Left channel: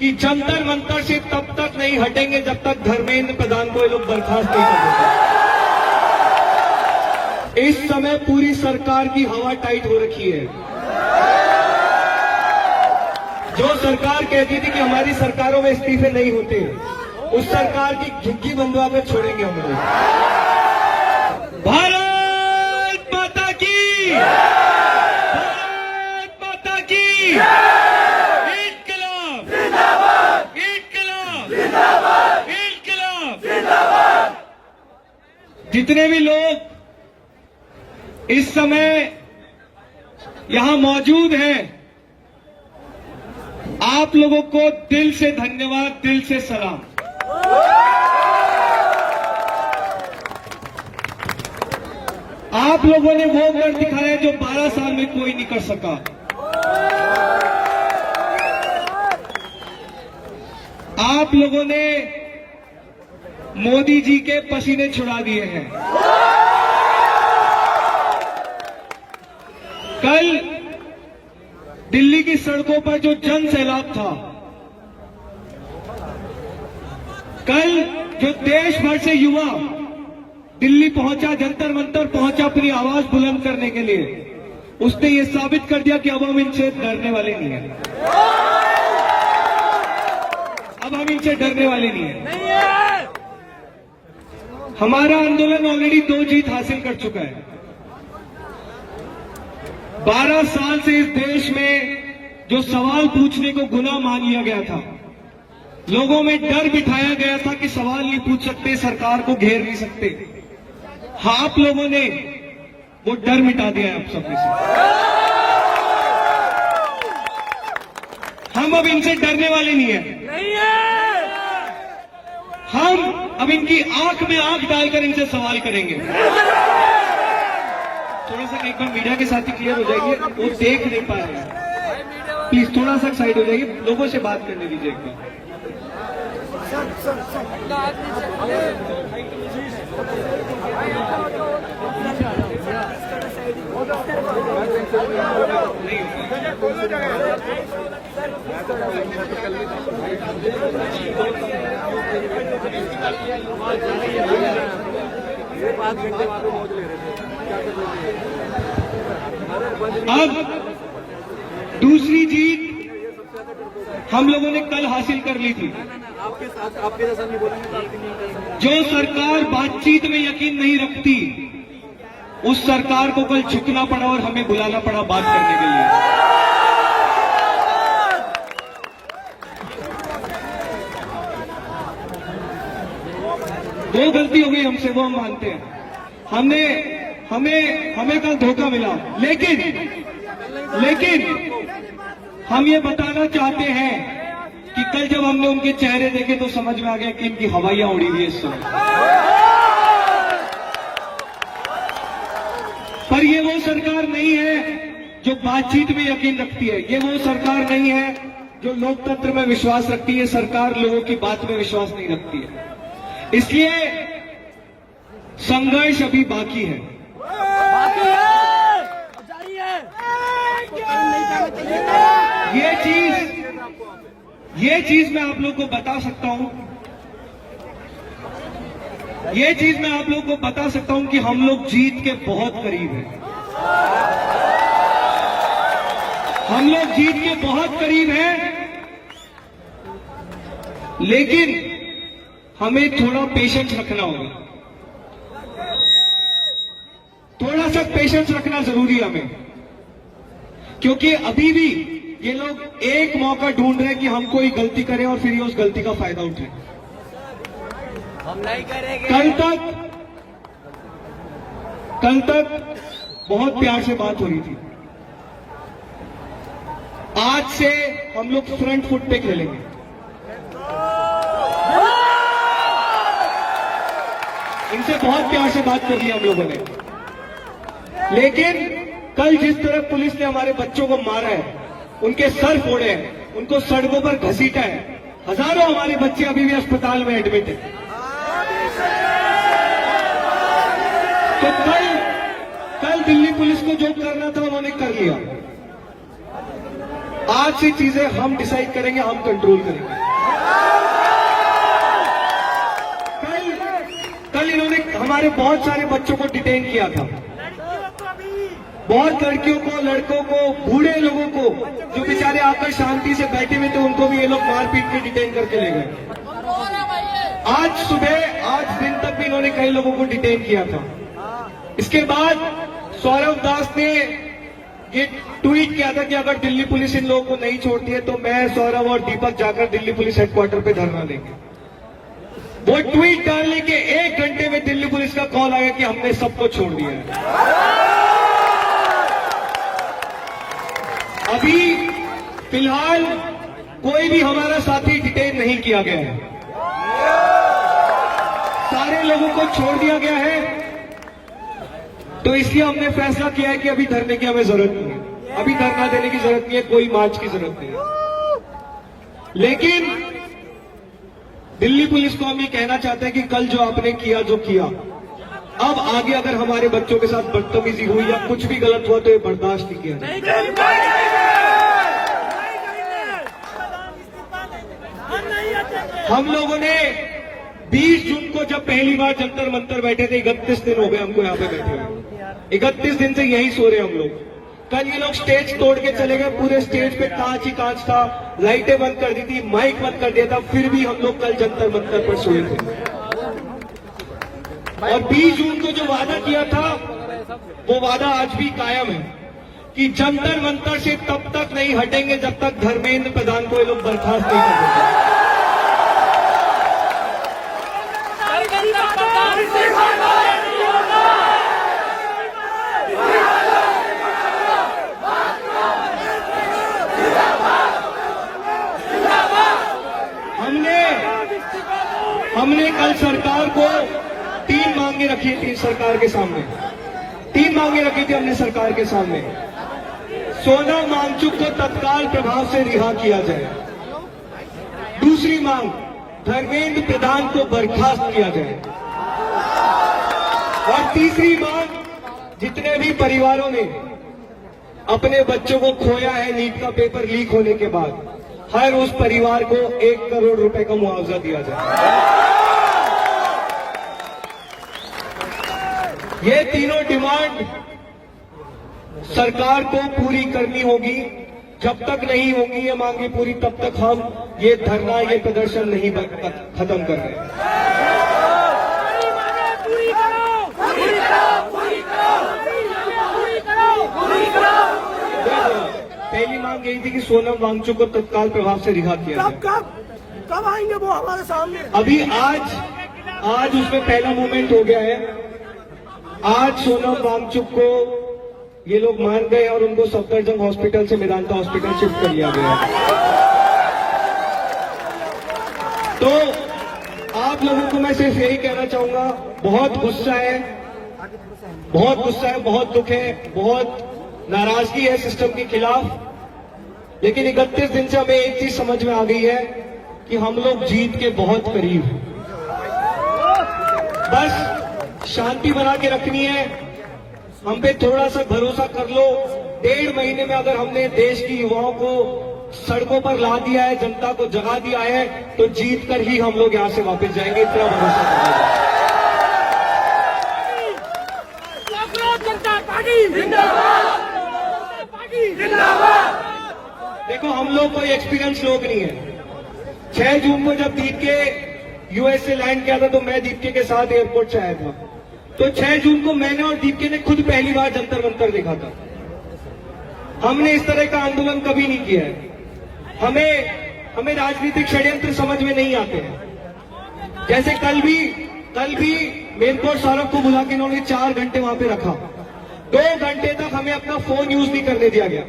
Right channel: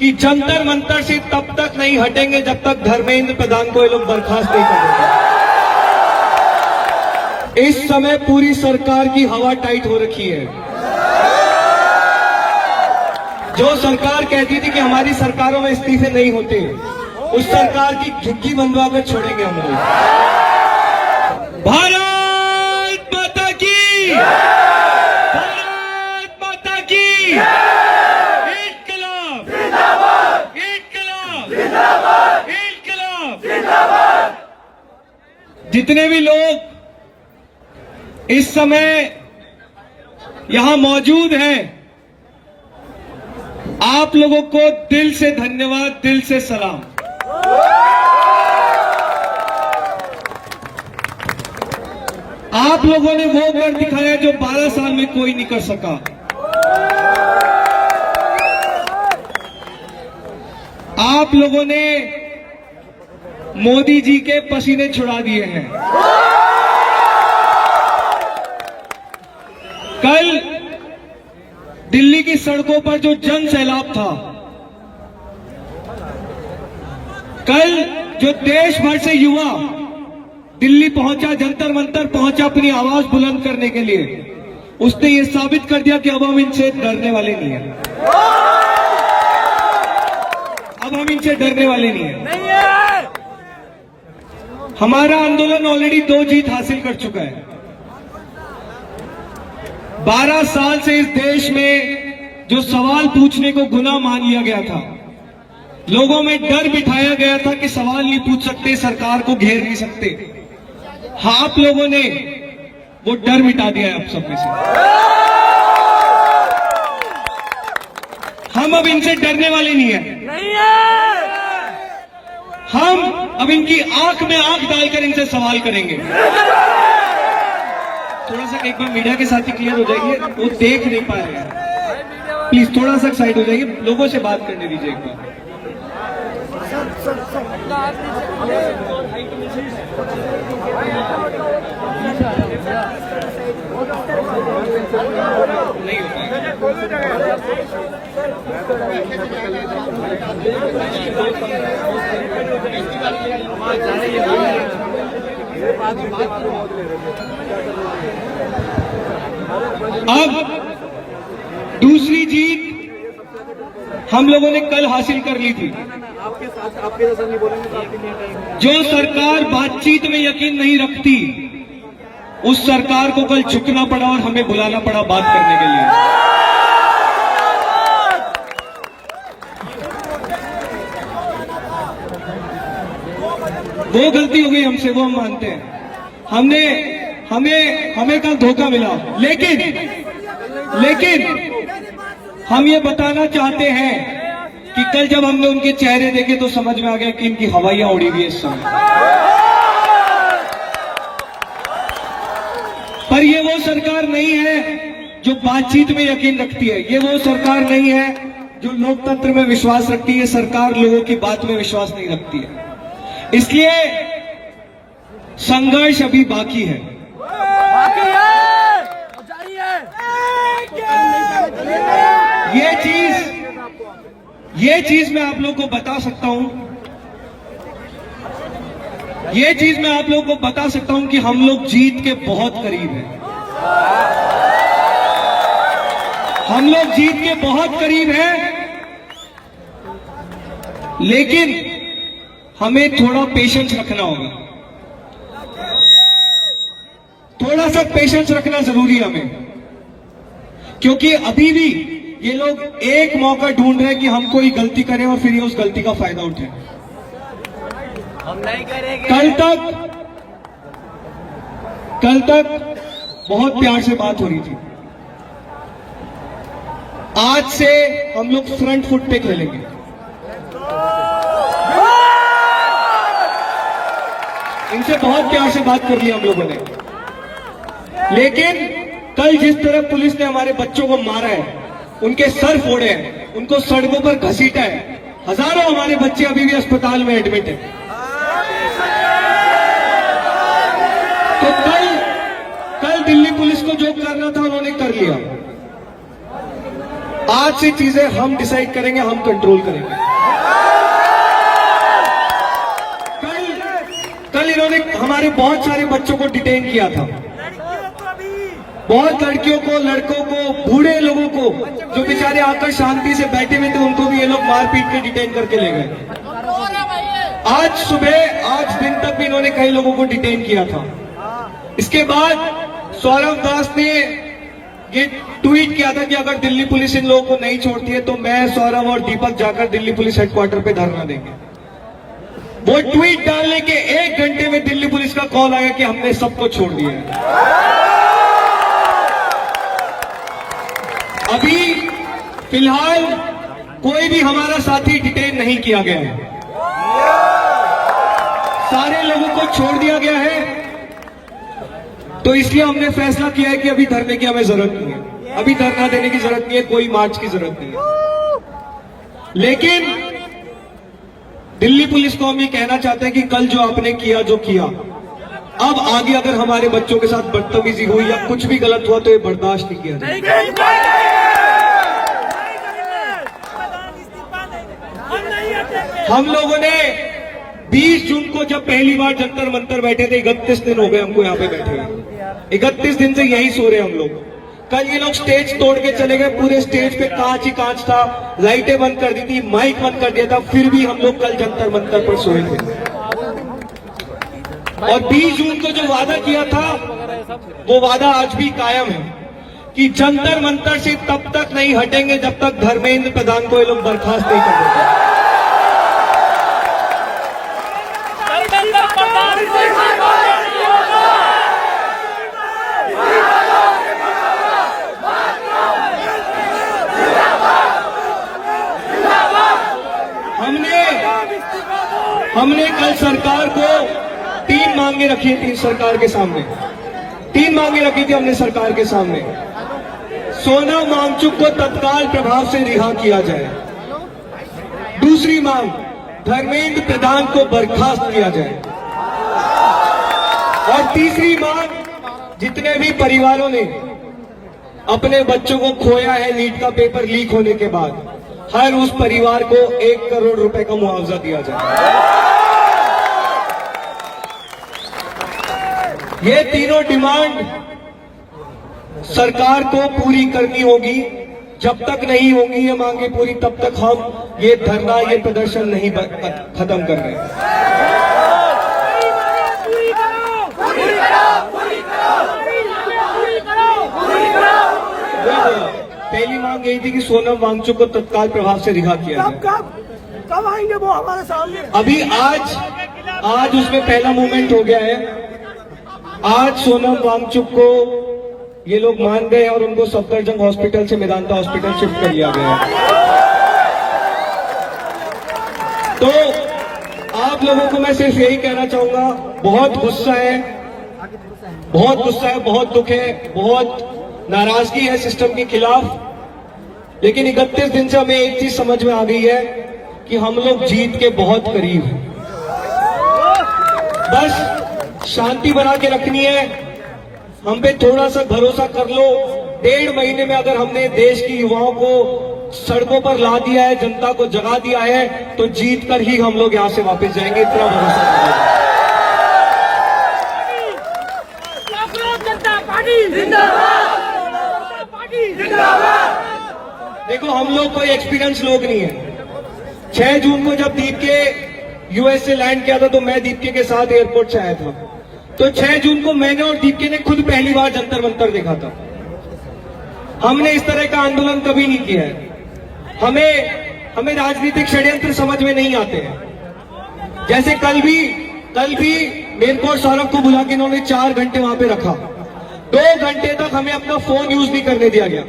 कि जंतर मंतर से तब तक नहीं हटेंगे जब तक धर्मेंद्र प्रधान को ये लोग बर्खास्त नहीं करेंगे। इस समय पूरी सरकार की हवा टाइट हो रखी है। जो सरकार कहती थी कि हमारी सरकारों में इस्तीफे नहीं होते, उस सरकार की झुग्गी बनवा कर छोड़ेंगे हम लोग। भारत माता की, भारत माता की, इनकलाब जिंदाबाद, इनकलाब जिंदाबाद, इनकलाब जिंदाबाद। जितने भी लोग इस समय यहां मौजूद हैं, आप लोगों को दिल से धन्यवाद, दिल से सलाम। आप लोगों ने वो कर दिखाया जो 12 साल में कोई नहीं कर सका। आप लोगों ने मोदी जी के पसीने छुड़ा दिए हैं। कल दिल्ली की सड़कों पर जो जन सैलाब था, कल जो देश भर से युवा दिल्ली पहुंचा, जंतर मंतर पहुंचा अपनी आवाज बुलंद करने के लिए, उसने ये साबित कर दिया कि अब हम इनसे डरने वाले नहीं हैं। अब हम इनसे डरने वाले नहीं हैं। हमारा आंदोलन ऑलरेडी 2 जीत हासिल कर चुका है। 12 साल से इस देश में जो सवाल पूछने को गुनाह मान लिया गया था, लोगों में डर बिठाया गया था कि सवाल नहीं पूछ सकते, सरकार को घेर नहीं सकते। हाँ, आप लोगों ने वो डर मिटा दिया है आप सब में से। हम अब इनसे डरने वाले नहीं हैं। हम अब इनकी आंख में आंख डालकर इनसे सवाल करेंगे। थोड़ा सा एक बार मीडिया के साथ ही क्लियर हो जाएगी, वो देख नहीं पा रहे हैं। प्लीज थोड़ा सा साइड हो जाइए, लोगों से बात करने दीजिए एक बार। अब दूसरी जीत हम लोगों ने कल हासिल कर ली थी। आपके जैसा नहीं बोलेंगे। जो सरकार बातचीत में यकीन नहीं रखती, उस सरकार को कल झुकना पड़ा और हमें बुलाना पड़ा बात करने के लिए। वो गलती हो गई हमसे, वो हम मानते हैं। हमें कल धोखा मिला, लेकिन हम ये बताना चाहते हैं कि कल जब हमने उनके चेहरे देखे तो समझ में आ गया कि इनकी हवाइयां उड़ी हुई है इस समय। पर ये वो सरकार नहीं है जो बातचीत में यकीन रखती है। ये वो सरकार नहीं है जो लोकतंत्र में विश्वास रखती है। सरकार लोगों की बात में विश्वास नहीं रखती है। इसलिए संघर्ष अभी बाकी है। ये चीज मैं आप लोगों को बता सकता हूं। ये चीज मैं आप लोगों को बता सकता हूं कि हम लोग जीत के बहुत करीब हैं। हम लोग जीत के बहुत करीब हैं, लेकिन हमें थोड़ा पेशेंस रखना होगा। थोड़ा सा पेशेंस रखना जरूरी है हमें, क्योंकि अभी भी ये लोग एक मौका ढूंढ रहे हैं कि हम कोई गलती करें और फिर ये उस गलती का फायदा उठाएं। हम नहीं करेंगे। कल तक बहुत प्यार से बात हो रही थी। आज से हम लोग फ्रंट फुट पे खेलेंगे। इनसे बहुत प्यार से बात कर ली हम लोगों ने, लेकिन कल जिस तरह पुलिस ने हमारे बच्चों को मारा है, उनके सर फोड़े हैं, उनको सड़कों पर घसीटा है, हजारों हमारे बच्चे अभी भी अस्पताल में एडमिट हैं। तो कल दिल्ली पुलिस को जो करना था उन्होंने कर लिया। आज से चीजें हम डिसाइड करेंगे, हम कंट्रोल करेंगे। कल इन्होंने हमारे बहुत सारे बच्चों को डिटेन किया था, बहुत लड़कियों को, लड़कों को, बूढ़े लोगों को जो बेचारे आकर शांति से बैठे हुए थे, उनको भी ये लोग मार पीट के डिटेन करके ले गए। आज सुबह, आज दिन तक भी इन्होंने कई लोगों को डिटेन किया था। इसके बाद सौरभ दास ने ये ट्वीट किया था कि अगर दिल्ली पुलिस इन लोगों को नहीं छोड़ती है तो मैं, सौरभ और दीपक जाकर दिल्ली पुलिस हेडक्वार्टर पे धरना देंगे। वो ट्वीट डालने के 1 घंटे में दिल्ली पुलिस का कॉल आया कि हमने सबको छोड़ दिया है। अभी फिलहाल कोई भी हमारा साथी डिटेन नहीं किया गया है, सारे लोगों को छोड़ दिया गया है। तो इसलिए हमने फैसला किया है कि अभी धरने की हमें जरूरत नहीं है, अभी धरना देने की जरूरत नहीं है, कोई मार्च की जरूरत नहीं है। लेकिन दिल्ली पुलिस को हम ये कहना चाहते हैं कि कल जो आपने किया, जो किया, अब आगे अगर हमारे बच्चों के साथ बदतमीजी हुई या कुछ भी गलत हुआ तो ये बर्दाश्त नहीं किया जाएगा। हम लोगों ने 20 जून को जब पहली बार जंतर मंतर बैठे थे, 31 दिन हो गए हमको यहाँ पे बैठे हुए, 31 दिन से यही सो रहे हम लोग। कल ये लोग स्टेज तोड़ के चले गए, पूरे स्टेज पे कांच ही कांच था, लाइटें बंद कर दी थी, माइक बंद कर दिया था, फिर भी हम लोग कल जंतर मंतर पर सोए थे। और 20 जून को जो वादा किया था वो वादा आज भी कायम है कि जंतर मंतर से तब तक नहीं हटेंगे जब तक धर्मेंद्र प्रधान को ये लोग बर्खास्त नहीं कर देते। हमने कल सरकार को 3 मांगे रखी थी, सरकार के सामने 3 मांगे रखी थी हमने सरकार के सामने। सोनम वांगचुक को तत्काल प्रभाव से रिहा किया जाए। दूसरी मांग, धर्मेंद्र प्रधान को बर्खास्त किया जाए। और तीसरी मांग, जितने भी परिवारों ने अपने बच्चों को खोया है नीट का पेपर लीक होने के बाद, हर उस परिवार को 1 करोड़ रुपए का मुआवजा दिया जाए। ये तीनों डिमांड सरकार को पूरी करनी होगी। जब तक नहीं होंगी ये मांगे पूरी, तब तक हम ये धरना, ये प्रदर्शन नहीं खत्म कर रहे। पहली मांग यही थी कि सोनम वांगचुक को तत्काल प्रभाव से रिहा किया जाए। कब आएंगे वो हमारे सामने? अभी आज उसमें पहला मूवमेंट हो गया है। आज सोनम वांगचुक को ये लोग मान गए और उनको सफदरजंग हॉस्पिटल से मेदांता हॉस्पिटल शिफ्ट कर लिया गया है। तो आप लोगों को मैं सिर्फ यही कहना चाहूंगा, बहुत गुस्सा है, बहुत दुख है, बहुत नाराजगी है सिस्टम के खिलाफ। लेकिन 31 दिन से हमें एक चीज समझ में आ गई है कि हम लोग जीत के बहुत करीब हैं। बस शांति बना के रखनी है, हम पे थोड़ा सा भरोसा कर लो। 1.5 महीने में अगर हमने देश की युवाओं को सड़कों पर ला दिया है, जनता को जगा दिया है, तो जीत कर ही हम लोग यहाँ से वापस जाएंगे, इतना भरोसा करें। देखो, हम लोग कोई एक्सपीरियंस लोग नहीं है। 6 जून को जब दीप के यूएस से लैंड किया था तो मैं दीप्के के साथ एयरपोर्ट से आया था। तो 6 जून को मैंने और दीप्के ने खुद पहली बार जंतर मंतर देखा था। हमने इस तरह का आंदोलन कभी नहीं किया है। हमें राजनीतिक षड्यंत्र समझ में नहीं आते हैं। जैसे कल भी मेरे को सौरभ को बुला के इन्होंने 4 घंटे वहां पे रखा। 2 घंटे तक हमें अपना फोन यूज नहीं करने दिया गया।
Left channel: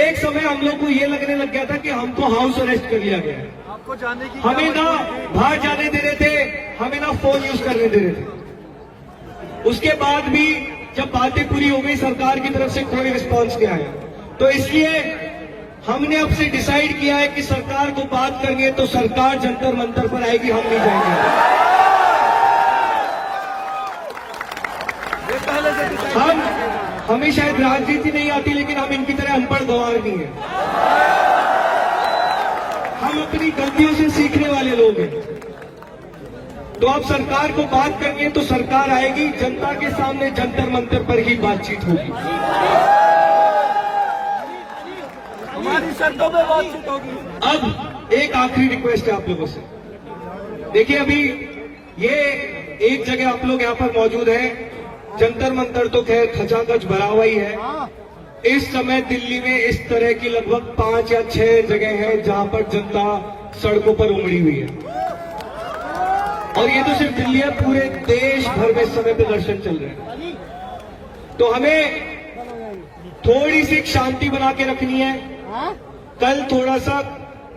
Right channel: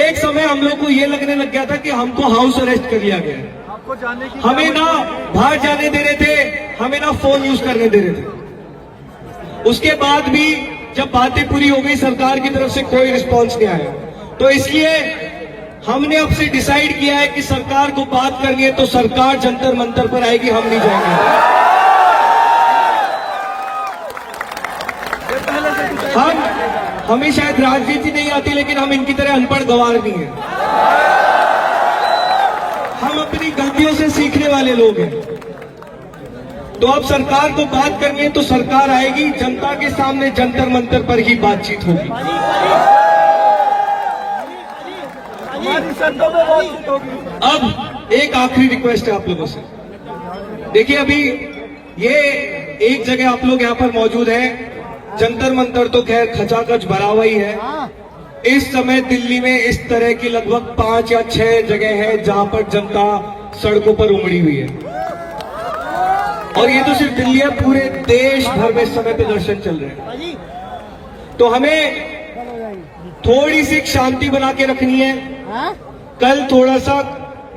एक समय हम लोग को ये लगने लग गया था कि हमको हाउस अरेस्ट कर लिया गया है। हमें ना बाहर जाने दे रहे थे, हमें ना फोन यूज करने दे रहे थे। उसके बाद भी जब बातें पूरी हो गई, सरकार की तरफ से कोई रिस्पॉन्स नहीं आया। तो इसलिए हमने अब से डिसाइड किया है कि सरकार को बात करनी है तो सरकार जंतर मंतर पर आएगी, हम नहीं जाएंगे। हमें शायद राजनीति नहीं आती, लेकिन हम इनकी तरह अनपढ़ गंवार नहीं है। हम अपनी गलतियों से सीखने वाले लोग हैं। तो अब सरकार को बात करनी है तो सरकार आएगी, जनता के सामने जंतर मंतर पर ही बातचीत होगी। अब एक आखिरी रिक्वेस्ट है आप लोगों से। देखिए, अभी ये एक जगह आप लोग यहाँ पर मौजूद हैं, जंतर मंतर तो खैर खचाखच भरा हुआ ही है। इस समय दिल्ली में इस तरह की लगभग 5 या 6 जगह है जहां पर जनता सड़कों पर उमड़ी हुई है। और ये तो सिर्फ दिल्ली है, पूरे देश भर में इस समय प्रदर्शन चल रहे हैं। तो हमें थोड़ी सी शांति बना के रखनी है। कल थोड़ा सा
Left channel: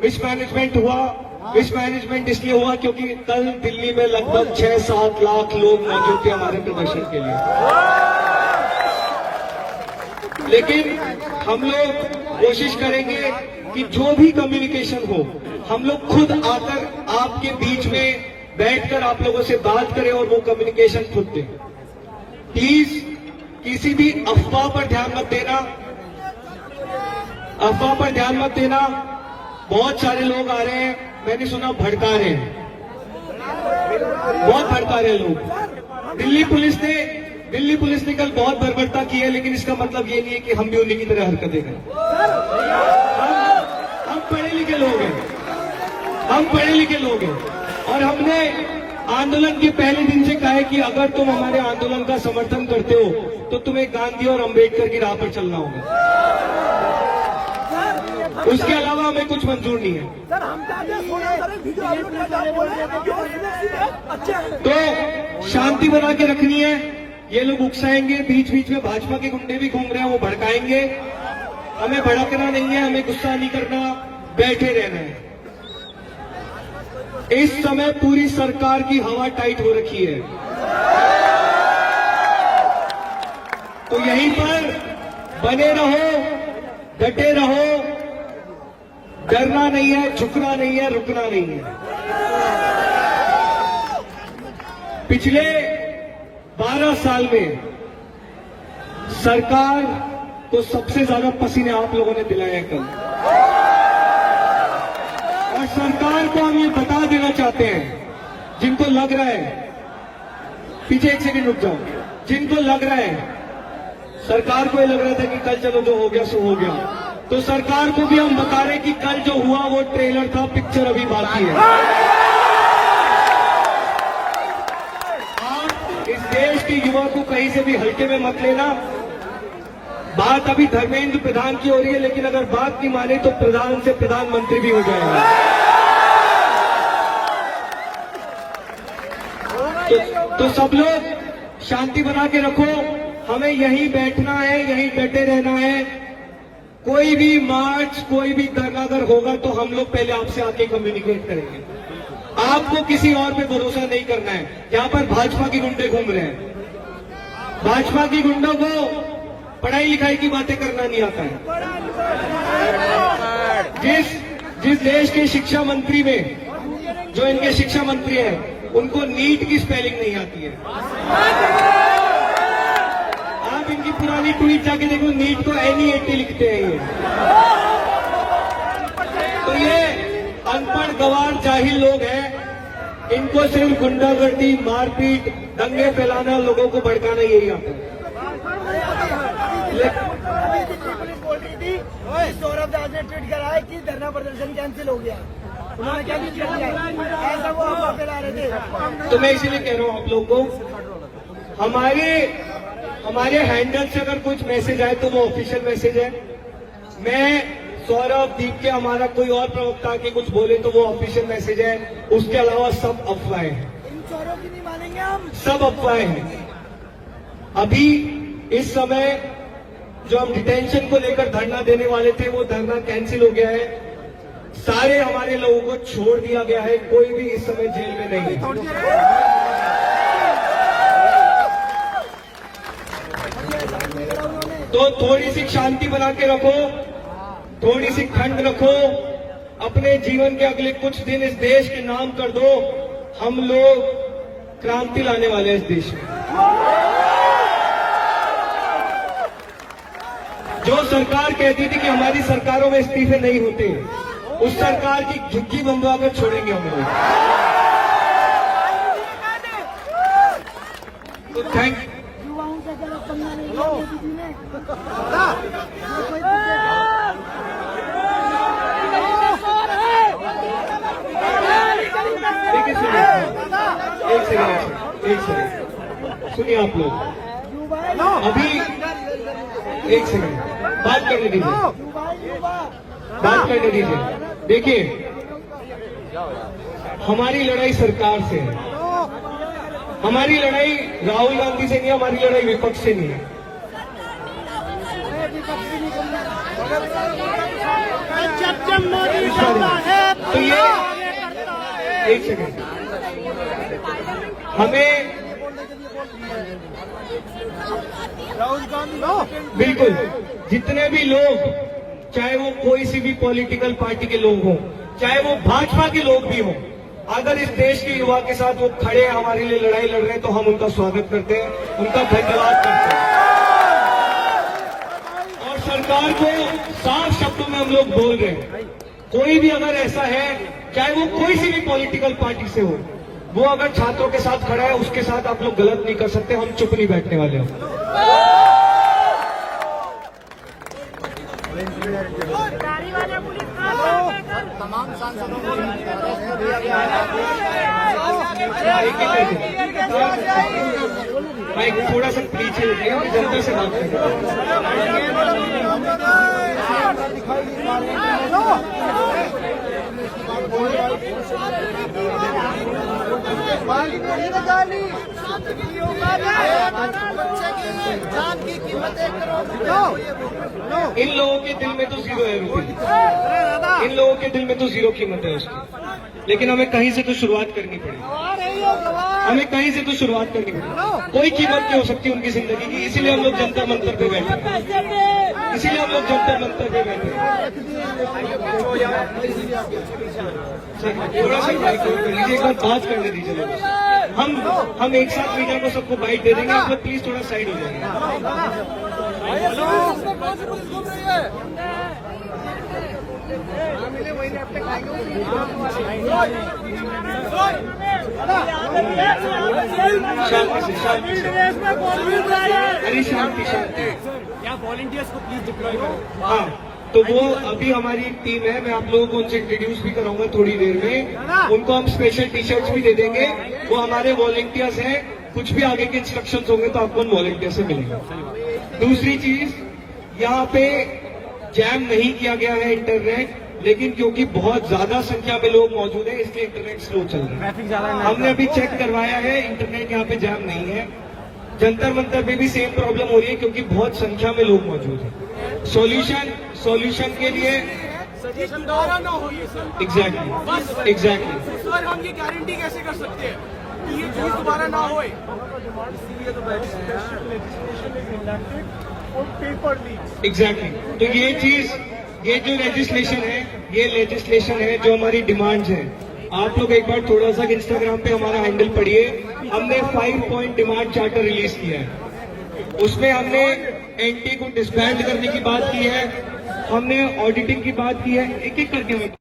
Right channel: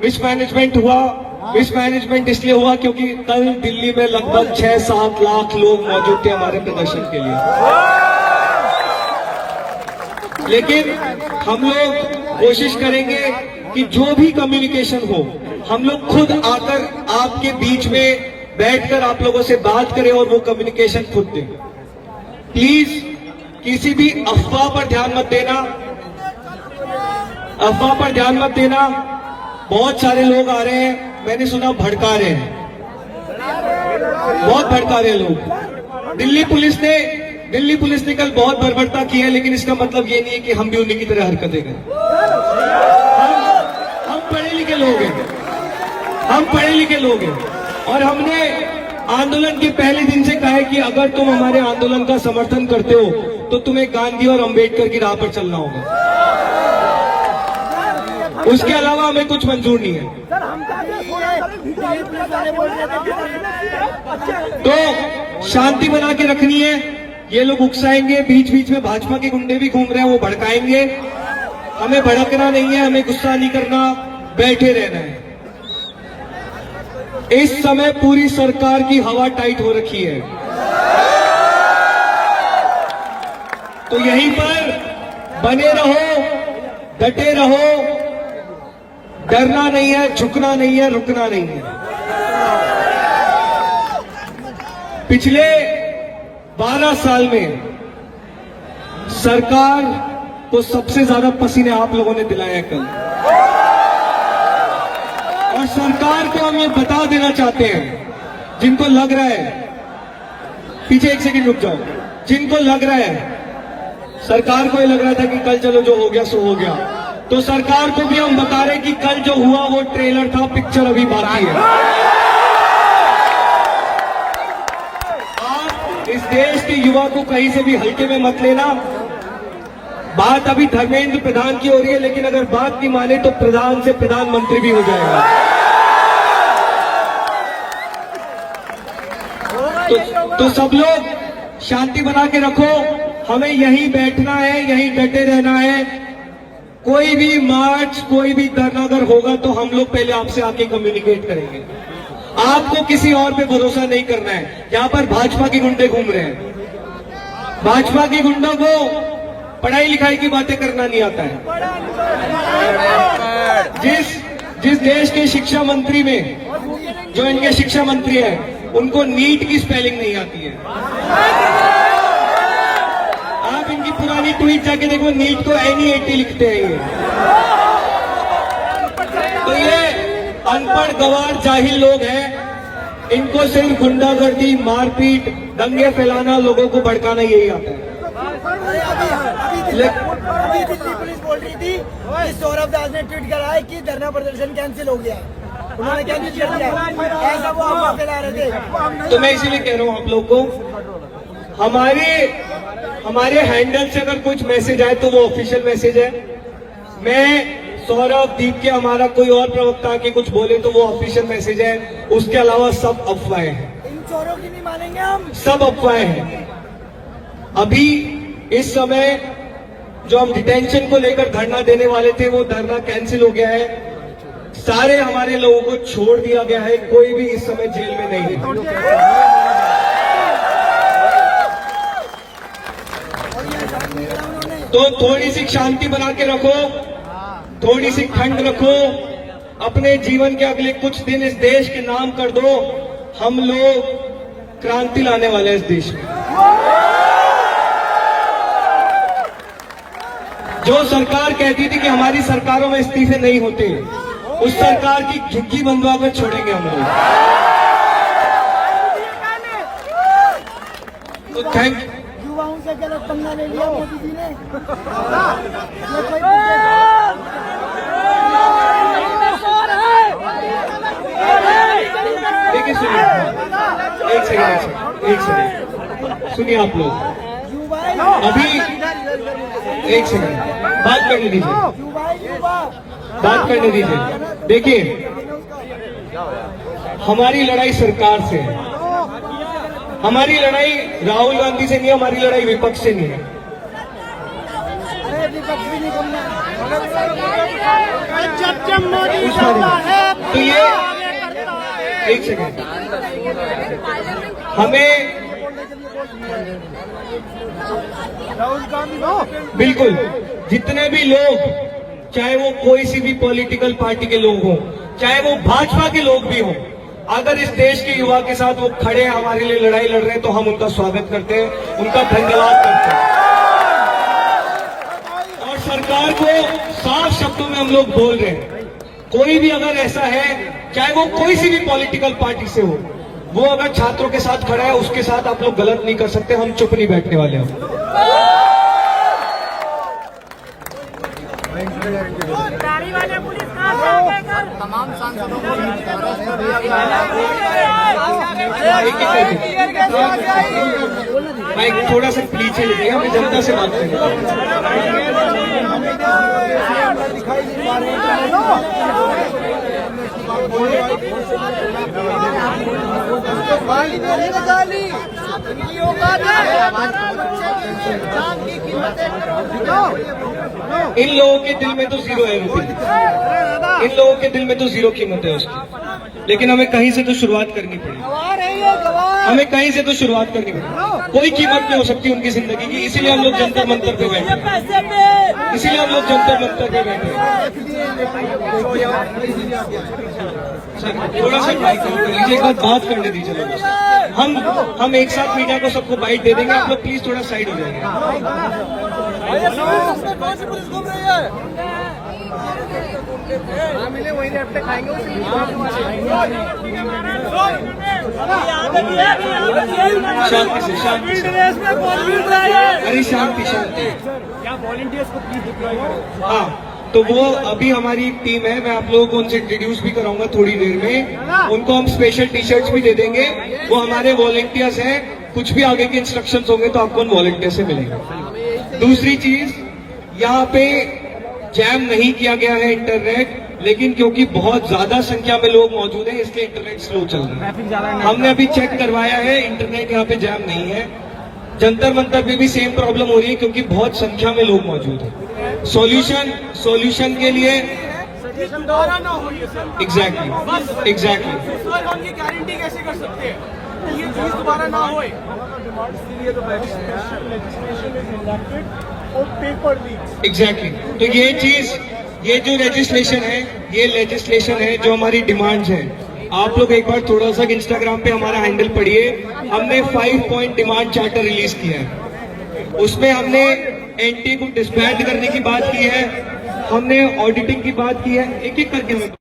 मिसमैनेजमेंट हुआ। मिसमैनेजमेंट इसलिए हुआ क्योंकि कल दिल्ली में लगभग 6-7 लाख लोग मौजूद थे हमारे प्रदर्शन के लिए। लेकिन हम लोग कोशिश करेंगे कि जो भी कम्युनिकेशन हो, हम लोग खुद आकर आपके बीच में बैठकर आप लोगों से बात करें और वो कम्युनिकेशन खुद दें। प्लीज किसी भी अफवाह पर ध्यान मत देना। अफवाह पर ध्यान मत देना। बहुत सारे लोग आ रहे हैं, मैंने सुना भड़का रहे हैं, बहुत भड़का रहे हैं लोग। दिल्ली पुलिस ने कल बहुत बर्बरता की है, लेकिन इसका मतलब ये नहीं है कि हम भी उन्हीं की तरह हरकतें करें। हम पढ़े लिखे लोग हैं, हम पढ़े लिखे लोग हैं, और हमने आंदोलन के पहले दिन से कहा है कि अगर तुम हमारे आंदोलन का समर्थन करते हो तो तुम्हें गांधी और अंबेडकर की राह पर चलना होगा। उसके अलावा हमें कुछ मंजूर नहीं है। तो शांति बना के रखनी है। ये लोग उकसाएंगे, बीच बीच में भाजपा के गुंडे भी घूम रहे हैं, वो भड़काएंगे। हमें भड़कना नहीं है, हमें गुस्सा नहीं करना, बैठे रहना है। इस समय पूरी सरकार की हवा टाइट हो रखी है, तो यहीं पर बने रहो, डटे रहो। डरना नहीं है, झुकना नहीं है, रुकना नहीं है। पिछले 12 साल में सरकार को सबसे ज्यादा पसीने आप लोगों ने दिलाए हैं कल, और सरकार को हम ये बता देना चाहते हैं, जिनको लग रहा है, पीछे एक सेकंड रुक जाओ, जिनको लग रहा है, सरकार को ये लग रहा था कि कल चलो जो हो गया सो हो गया, तो सरकार को भी हम बता रहे कि कल जो हुआ वो ट्रेलर था, पिक्चर अभी बाकी है। आप इस देश के युवा को कहीं से भी हल्के में मत लेना। बात अभी धर्मेंद्र प्रधान की हो रही है, लेकिन अगर बात नहीं माने तो प्रधान से प्रधानमंत्री भी हो जाएगा। तो सब लोग शांति बना के रखो। हमें यहीं बैठना है, यहीं डटे रहना है। कोई भी मार्च, कोई भी धरना अगर होगा तो हम लोग पहले आपसे आके कम्युनिकेट करेंगे। आपको किसी और पे भरोसा नहीं करना है। यहाँ पर भाजपा के गुंडे घूम रहे हैं, भाजपा के गुंडों को पढ़ाई लिखाई की बातें करना नहीं आता है। जिस देश के शिक्षा मंत्री में, जो इनके शिक्षा मंत्री हैं, उनको नीट की स्पेलिंग नहीं आती है। आप इनकी पुरानी ट्वीट जाके देखो, नीट को NEAT लिखते हैं ये। तो ये अनपढ़ गवार जाहिल लोग हैं, इनको सिर्फ गुंडागर्दी, मारपीट, दंगे फैलाना, लोगों को भड़काना यही आता है। अभी दिल्ली पुलिस बोल रही थी कि सौरभ दास ने ट्वीट करा है कि धरना प्रदर्शन कैंसिल हो गया है। उन्होंने कैंसिल कर दिया, ऐसा वो अफवाह फैला रहे थे। तो मैं इसीलिए कह रहा हूँ आप लोगों को, हमारे हैंडल से अगर कुछ मैसेज आए तो वो ऑफिशियल मैसेज है। मैं सौरभ, दीप के, हमारा कोई और प्रवक्ता के कुछ बोले तो वो ऑफिशियल मैसेज है। उसके अलावा सब अफवाहें हैं। इन चोरों की नहीं मानेंगे हम, सब अफवाहें हैं। अभी इस समय जो हम डिटेंशन को लेकर धरना देने वाले थे, वो धरना कैंसिल हो गया है। सारे हमारे लोगों को छोड़ दिया गया है, कोई भी इस समय जेल में नहीं है। तो थोड़ी सी शांति बना के रखो, थोड़ी सी ठंड रखो, अपने जीवन के अगले कुछ दिन इस देश के नाम कर दो। हम लोग क्रांति लाने वाले हैं इस देश में। जो सरकार कहती थी कि हमारी सरकारों में इस्तीफे नहीं होते, उस सरकार की झुग्गी बंधवा कर छोड़ेंगे हम लोग। तो थैंक यू। युवाओं से गलत पंगा ले लिया मोदी जी ने। देखिए सुनिए, एक सेकंड सुनिए आप लोग, अभी एक सेकंड बात करने दीजिए, बात करने दीजिए। देखिए, हमारी लड़ाई सरकार से है, हमारी लड़ाई राहुल गांधी से नहीं है, हमारी लड़ाई विपक्ष से नहीं है। जब मोदी करता है तो ये एक सेकंड, हमें बिल्कुल जितने भी लोग, चाहे वो कोई सी भी पॉलिटिकल पार्टी के लोग हों, चाहे वो भाजपा के लोग भी हों, अगर इस देश के युवा के साथ वो खड़े हमारे लिए लड़ाई लड़ रहे हैं तो हम उनका स्वागत करते हैं, उनका धन्यवाद करते हैं। और सरकार को साफ शब्दों में हम लोग बोल रहे हैं, कोई भी अगर ऐसा है, चाहे वो कोई सी भी पॉलिटिकल पार्टी से हो, वो अगर छात्रों के साथ खड़ा है, उसके साथ आप लोग गलत नहीं कर सकते, हम चुप नहीं बैठने वाले हैं। तमाम सांसदों को अरेस्ट कर दिया गया है। भाई थोड़ा सा पीछे लीजिएगा, मैं जनता से बात कर रहा हूँ। दिखाई नहीं पा रहे इन लोगों के दिल में तो जीरो है रुपये, इन लोगों के दिल में तो जीरो कीमत है उसकी, लेकिन हमें कहीं से तो शुरुआत करनी पड़ेगी, हमें कहीं से तो शुरुआत करनी पड़ेगी। कोई कीमत नहीं हो सकती उनकी जिंदगी की, इसीलिए हम लोग जंतर मंतर पे बैठे हैं, इसीलिए हम लोग जंतर मंतर पे बैठे हैं। सर थोड़ा सा माइक ऑफ कर लीजिए, एक बार बात करने दीजिए लोगों से। हम एक साथ मीडिया को सबको बाइट दे देंगे, आप लोग प्लीज थोड़ा साइड हो जाएंगे। कौन सी पुलिस घूम रही है? शांति से, शांति से, अरे शांति शांति। हाँ, तो वो अभी हमारी एक टीम है, मैं आप लोगों को उनसे इंट्रोड्यूस भी कराऊंगा थोड़ी देर में। उनको हम स्पेशल टी शर्ट्स भी दे देंगे, वो हमारे वॉलंटियर्स हैं। कुछ भी आगे के इंस्ट्रक्शंस होंगे तो आपको उन वॉलंटियर से मिलेंगे। दूसरी चीज, यहाँ पे जैम नहीं किया गया है इंटरनेट, लेकिन क्योंकि बहुत ज्यादा संख्या में लोग मौजूद हैं इसलिए इंटरनेट स्लो चल रहा है। हमने अभी चेक करवाया है, इंटरनेट यहाँ पे जैम नहीं है। जंतर मंतर पे भी सेम प्रॉब्लम हो रही है क्योंकि बहुत संख्या में लोग मौजूद हैं। सॉल्यूशन के लिए एग्जैक्टली हम ये गारंटी कैसे कर सकते हैं कि ये चीज दोबारा ना हो? एग्जैक्टली, तो ये जो लेजिस्लेशन है जो हमारी डिमांड्स हैं, आप लोग एक बार थोड़ा सा इंस्टाग्राम पे हमारा हैंडल पढ़िए। हमने 5 पॉइंट डिमांड चार्टर रिलीज किया है, उसमें हमने एनटी को डिसबैंड करने की बात की है, हमने ऑडिटिंग की बात की है, एक एक करके